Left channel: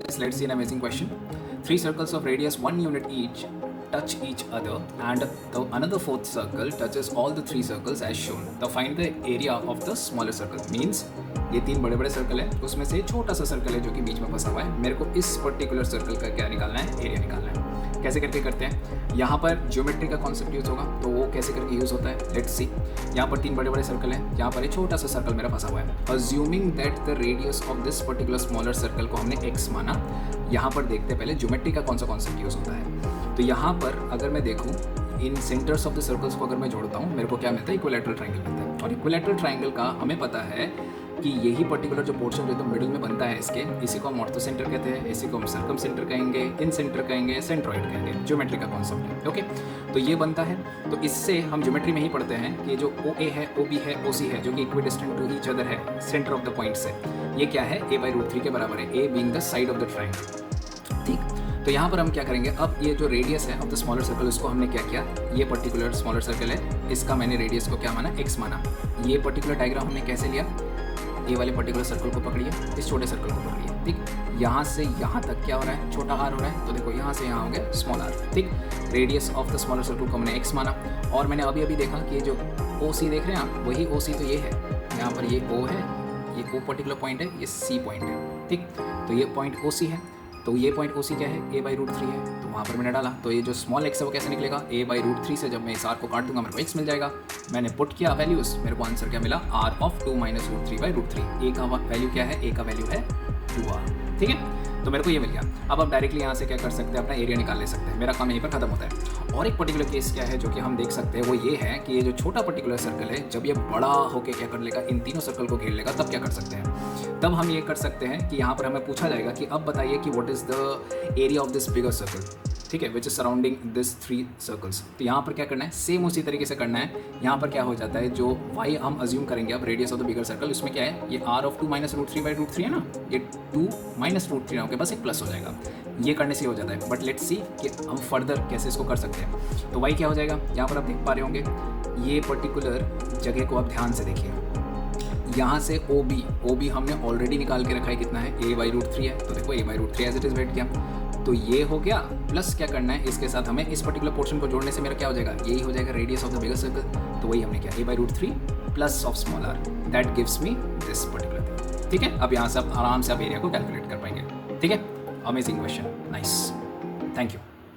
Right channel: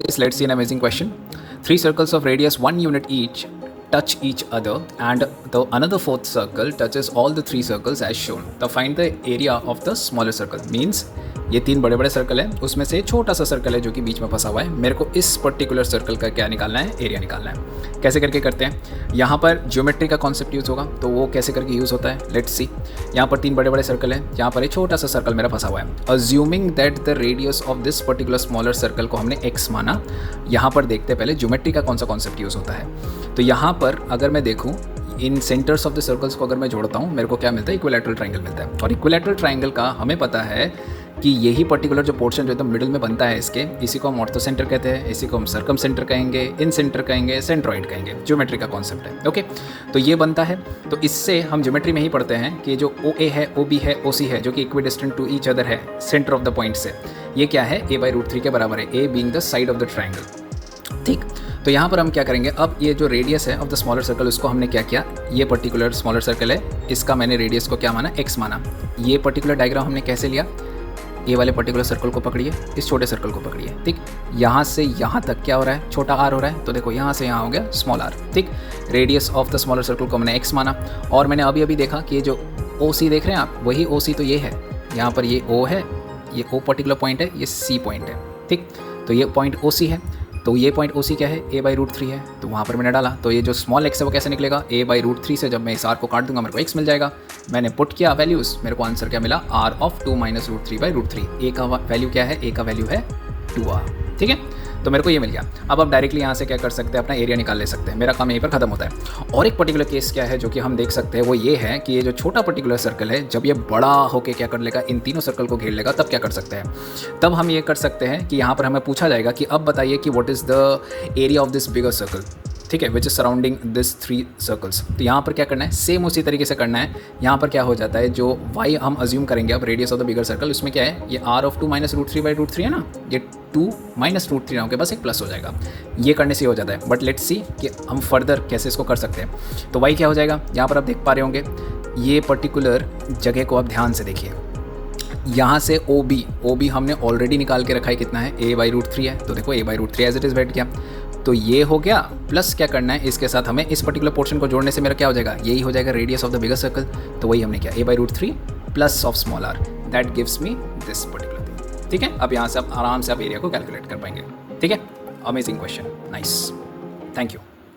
Yes, let's see an amazing question. Three circles of radius 1 unit each touch each other, and the another fourth circle touches all the three circles as shown. Now find the area of the smaller circle. Means ये तीन बड़े बड़े circle हैं, उसमें से छोटा सा circle है जो कि बीच में फंसा हुआ है. मेरे को इस पर्टिकुलर सर्कल का क्या निकालना है, एरिया निकालना है. कैसे करके करते हैं, यहाँ पर ज्योमेट्री का कॉन्सेप्ट यूज़ होगा. तो वो कैसे करके यूज़ होता है, लेट्स सी. यहाँ पर तीन बड़े बड़े सर्कल हैं, यहाँ पर एक छोटा सा सर्कल मेरा फंसा हुआ है. Assuming that the radius of this particular smaller circle को हमने x माना. यहाँ पर देखते हैं पहले ज्योमेट्री का कौन सा कॉन्सेप्ट यूज़ होता है. तो यहाँ पर अगर मैं देखूँ, इन सेंटर्स ऑफ द सर्कल्स को अगर मैं जोड़ता हूँ, मेरे को क्या मिलता है, इक्विलैटरल ट्रायंगल मिलता है. और इक्विलैटरल ट्रायंगल का हमें पता है कि यही पर्टिकुलर जो पोर्शन जो एकदम मिडिल में बनता है इसके, इसी को हम ऑर्थो सेंटर कहते हैं, इसी को हम सर्कम सेंटर कहेंगे, इन सेंटर कहेंगे, सेंट्रॉइड कहेंगे. ज्योमेट्री का कॉन्सेप्ट है. ओके, तो ये बनता है. तो इससे हम ज्योमेट्री में ही पढ़ते हैं कि जो OA है, OB है, OC है, जो कि इक्विडिस्टेंट टू ईच अदर है सेंटर ऑफ द पॉइंट से, ये क्या है, a/√3 के बराबर है. A being the side of the triangle. ठीक, तो यहाँ पर हम क्या करेंगे, अब ये जो रेडियस है ऑफ द स्मॉलर सर्कल, उसको हमने क्या किया, ये पर्टिकुलर स्मॉलर सर्कल है, इसका मैंने रेडियस को क्या माना, x माना. ये पर्टिकुलर डायग्राम हमने कैसे लिया, ये वाले पर्टिकुलर सर्कल को पकड़िए, इस छोटे सर्कल को पकड़िए. ठीक, यहाँ से यहाँ तक क्या हो रहा है, छोटा r हो रहा है. तो देखो यहाँ से यहाँ हो गया स्मॉल r. ठीक, radius of the smaller circle को हमने x माना. और मैंने अभी देखा कि ये जो OC देख रहे हैं आप, वही OC तो ये है. यहाँ पर ये O है, ये O पर्टिकुलर पॉइंट है, ये C पॉइंट है. ठीक, तो ये पॉइंट OC है. तो ये पॉइंट OC क्या है, a/√3 है. तो वहाँ पर मैंने डाला. तो ये जो स्मॉल x है वो कैसे निकलेगा, a/√3 से जब मैं इस r को काट दूंगा मेरे को x मिल जाएगा. मैंने पुट किया वैल्यूज़, मेरे को आंसर क्या मिला, r ऑफ 2 - √3/√3. a का वैल्यू क्या है, a का वैल्यू है 2r. ठीक है, तो मेरे को ये मिल गया. अब आप डायरेक्टली यहाँ से क्या कर सकते हैं, अपना एरिया निकाल ले सकते हैं. मेरा काम यहीं पर खत्म होता है. और एक पर्टिकुलर केस क्या है जो कि हम देख सकते हैं, वो ये है कि ये जो छोटा पर्टिकुलर सर्कल है, जब ये बड़ा होकर क्या कर लेगा, इन तीनों सर्कल को घेर लेगा, तब क्या कर सकते हैं, तब हम ये कर सकते हैं कि यहाँ पर हमें पूछा जाएगा कि अब बताइए कि what is the area of this bigger circle. ठीक है, which is surrounding this 3 circles. तो यहाँ पर क्या करना है, सेम उसी तरीके से करना है. यहाँ पर क्या हो जाता है, जो y हम अज्यूम करेंगे अब radius of the bigger circle, उसमें क्या है, ये r ऑफ 2 - √3/√3 है ना, ये 2 - √3 होकर बस एक प्लस हो जाएगा. ये करने से हो जाता है. बट लेट्स सी कि हम फर्दर कैसे इसको कर सकते हैं. तो y क्या हो जाएगा, यहाँ पर आप देख पा रहे होंगे, ये पर्टिकुलर जगह को आप ध्यान से देखिए. यहाँ से OB हमने ऑलरेडी निकाल के रखा है, कितना है, a/√3 है. तो देखो a/√3 एज इट इज़ बैठ गया. तो ये हो गया, प्लस क्या करना है, इसके साथ हमें इस पर्टिकुलर पोर्शन को जोड़ने से मेरा क्या हो जाएगा, यही हो जाएगा radius of the bigger circle. तो वही हमने किया, a/√3 plus of small r, that gives me this particular thing. ठीक है, अब यहाँ से आप आराम से आप एरिया को कैलकुलेट कर पाएंगे. ठीक है, amazing question, nice, thank you.